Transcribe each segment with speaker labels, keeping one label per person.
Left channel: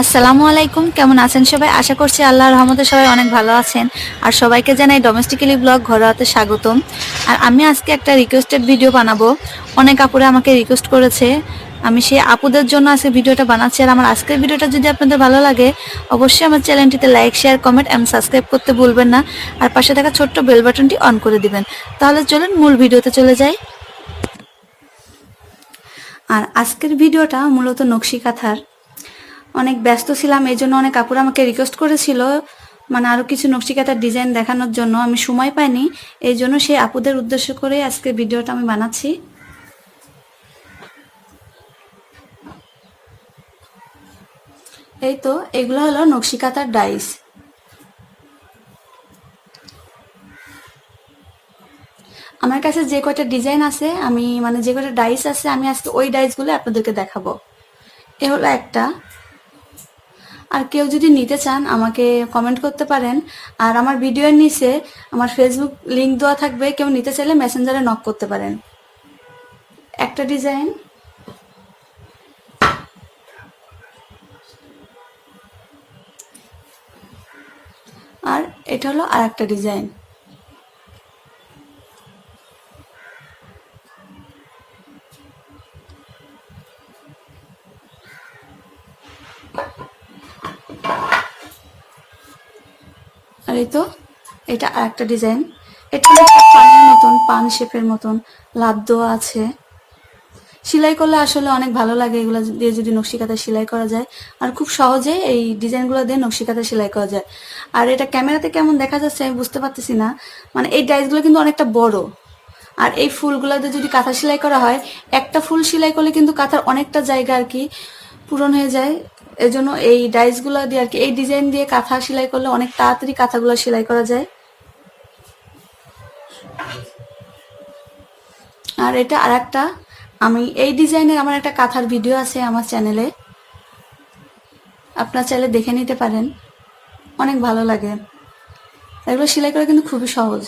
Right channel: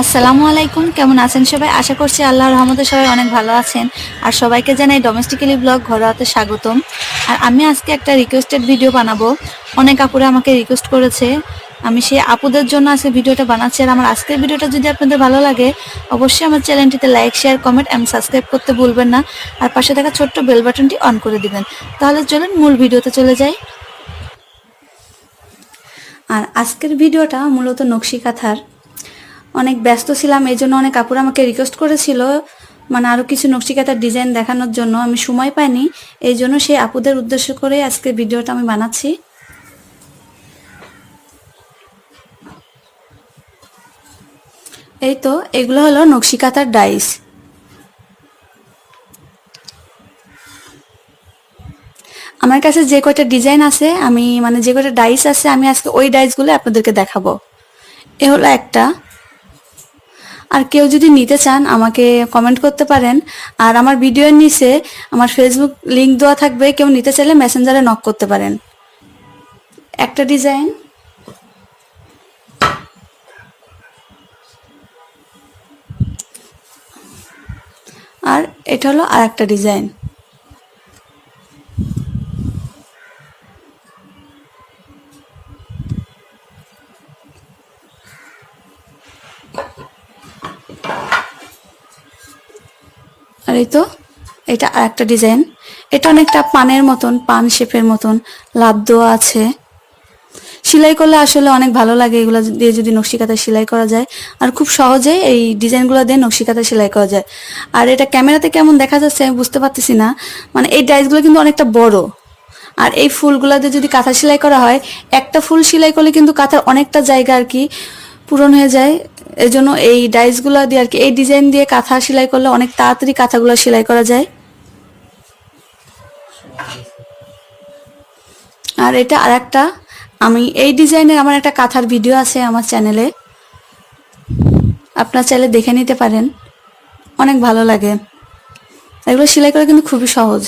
Speaker 1: আসসালামু আলাইকুম, কেমন আছেন সবাই? আশা করছি আল্লাহর রহমতে সবাই অনেক ভালো আছেন। আর সবাইকে জানাই ডোমেস্টিক্যালি ব্লগ ঘরোয়াতে স্বাগতম। আর আমি আজকে একটা রিকোয়েস্টেড ভিডিও বানাবো। অনেক আপুরা আমাকে রিকোয়েস্ট করেছে। আমি সেই আপুদের জন্য আজকে ভিডিওটা বানাচ্ছি। আর আমার আজকের ভিডিওটা যদি আপনাদের ভালো লাগে, অবশ্যই আমার চ্যানেলটিতে লাইক শেয়ার কমেন্ট এবং সাবস্ক্রাইব করতে ভুলবেন না। আর পাশে থাকা ছোট্ট বেল বাটনটি অন করে দিবেন। তাহলে চলুন মূল ভিডিওতে চলে যাই। আর আজকের ভিডিওটা মূলত নকশি কাঁথার। অনেক ব্যস্ত ছিলাম, এই জন্য অনেক কাপড় আমাকে রিকোয়েস্ট করেছিল মানে আরও কিছু নকশিকাতার ডিজাইন দেখানোর জন্য। আমি সময় পাইনি, এই জন্য সেই আপুদের উদ্দেশ্য করে আজকে ভিডিওটা আমি বানাচ্ছি। এই তো, এগুলো হলো নকশিকাতার ডাইস আমার কাছে যে কয়টা ডিজাইন আছে, আমি মানে যে কয়টা ডাইস আছে, আমি আজকে ওই ডাইসগুলো আপনাদেরকে দেখাবো। এ হলো একটা। আর কেউ যদি নিতে চান, আমাকে কমেন্ট করতে পারেন। আর আমার ভিডিওর নিচে আমার ফেসবুক লিংক দেওয়া থাকবে, কেউ নিতে চাইলে মেসেঞ্জারে নক করতে পারেন। একটা ডিজাইন আর এটা হলো আর একটা ডিজাইন আর এই তো, এটা আর একটা ডিজাইন। এটা অনেকটা পানের মতন, পান শেপের মতন দেওয়া আছে। সেলাই করলে আসলে অনেক ভালো লাগে, এগুলো দিয়ে যদি নকশিকাতা সেলাই করা যায়। আর খুব সহজেই এই ডিজাইনগুলো দিয়ে নকশিকাতা সেলাই করা যায়। আর এটা ক্যামেরাতে কেমন দেখা যাচ্ছে আমি বুঝতে পারতেছি না। মানে এই ডাইসগুলো কিন্তু অনেকটা বড়। আর এই ফুলগুলো দিয়ে যদি কাঁথা সেলাই করা হয়, একটা ফুল সেলাই করলে কিন্তু কাঁথার অনেকটা জায়গা আর কি পূরণ হয়ে যায়। এজন্য এই ডাইসগুলো দিয়ে আর কি, এই ডিজাইন দিয়ে কাঁথা সেলাই করলে অনেক তাড়াতাড়ি কাঁথাগুলো সেলাই করা যায়। আর এটা আর একটা আমি এই ডিজাইনের আমার একটা কাঁথার ভিডিও আছে আমার চ্যানেলে আপনার চাইলে দেখে নিতে পারেন, অনেক ভালো লাগে। এগুলো সেলাই করা কিন্তু খুবই সহজ।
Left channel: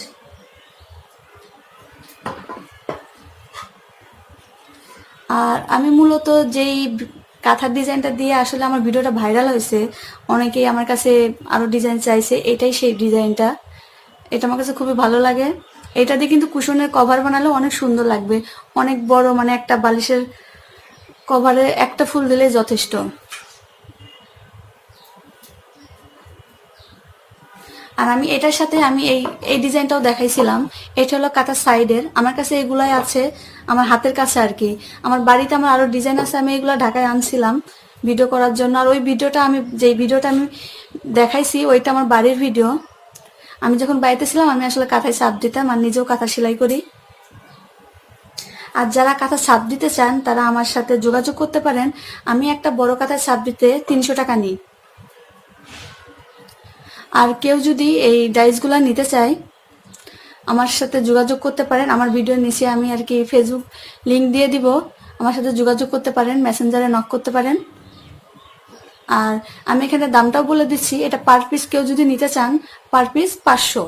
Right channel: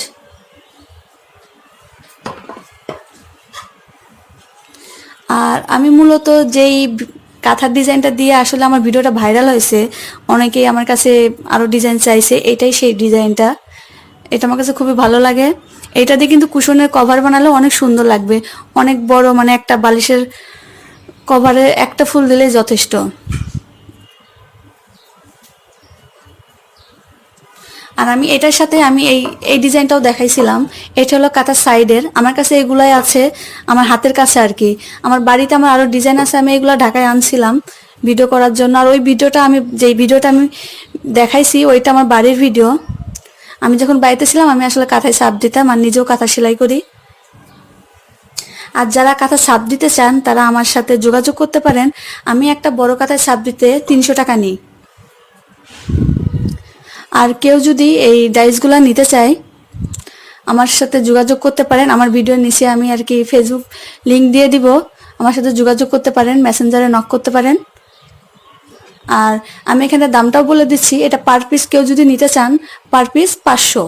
Speaker 1: আর আমি মূলত যেই কাঁথার ডিজাইনটা দিয়ে আসলে আমার ভিডিওটা ভাইরাল হয়েছে। অনেকেই আমার কাছে আরও ডিজাইন চাইছে, এটাই সেই ডিজাইনটা এটা আমার কাছে খুবই ভালো লাগে। এটা দিয়ে কিন্তু কুশনের কভার বানালে অনেক সুন্দর লাগবে। অনেক বড় মানে একটা বালিশের কভারে একটা ফুল দিলে যথেষ্ট। আর আমি এটার সাথে আমি এই এই ডিজাইনটাও দেখাইছিলাম। এটা হলো কাতার সাইডের। আমার কাছে এগুলাই আছে, আমার হাতের কাছে আর কি। আমার বাড়িতে আমার আরও ডিজাইন আছে, আমি এগুলো ঢাকায় আনছিলাম ভিডিও করার জন্য। আর ওই ভিডিওটা আমি, যেই ভিডিওটা আমি দেখাইছি, ওইটা আমার বাড়ির ভিডিও। আমি যখন বাড়িতে ছিলাম, আমি আসলে কাঁথায় সাপ দিতাম আর নিজেও কাঁথা সেলাই করি। আর যারা কাঁথা সাপ দিতে চান, তারা আমার সাথে যোগাযোগ করতে পারেন। আমি একটা বড় কাঁথায় সাপ দিতে তিনশো টাকা নিই। আর কেউ যদি এই ডাইসগুলো নিতে চায়, আমার সাথে যোগাযোগ করতে পারেন। আমার ভিডিওর নিচে আমি আর কি ফেসবুক লিঙ্ক দিয়ে দিব। আমার সাথে যোগাযোগ করতে পারেন মেসেঞ্জারে নক করতে পারেন। আর আমি এখানে দামটাও বলে দিচ্ছি। এটা পার পিস কেউ যদি নিতে চান পার পিস পাঁচশো।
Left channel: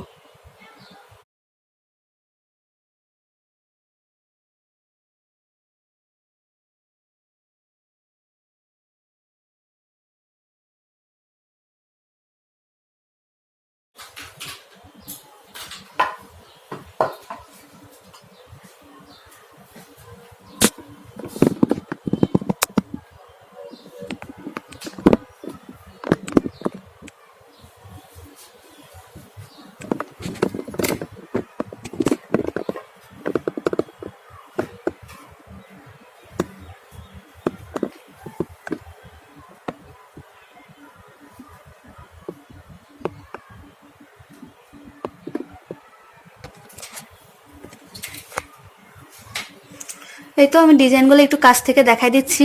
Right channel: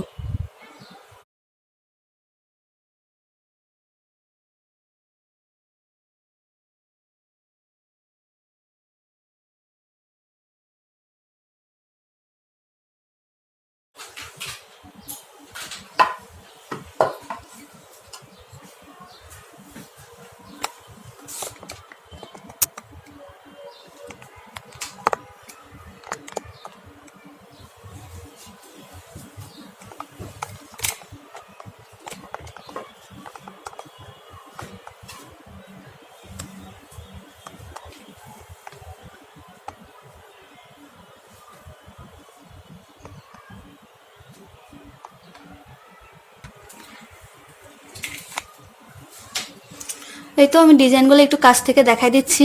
Speaker 1: এই তো আমি ডিজাইনগুলো একটু কাছ থেকে দেখাই দিচ্ছি।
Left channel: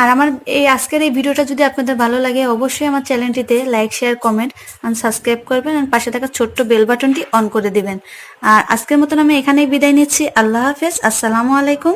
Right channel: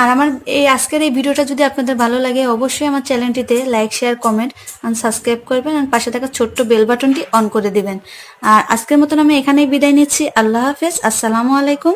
Speaker 1: আর আমার এই আজকের এই ভিডিওটা যদি আপনাদের ভালো লাগে, অবশ্যই আমার চ্যানেলটিতে like, share, comment and subscribe করবেন আর পাশে থাকা ছোট্ট বেল বাটনটি অন করে দিবেন। আর আজকের মতন আমি এখানেই বিদায় নিচ্ছি। আল্লাহ হাফেজ। আসসালামু আলাইকুম।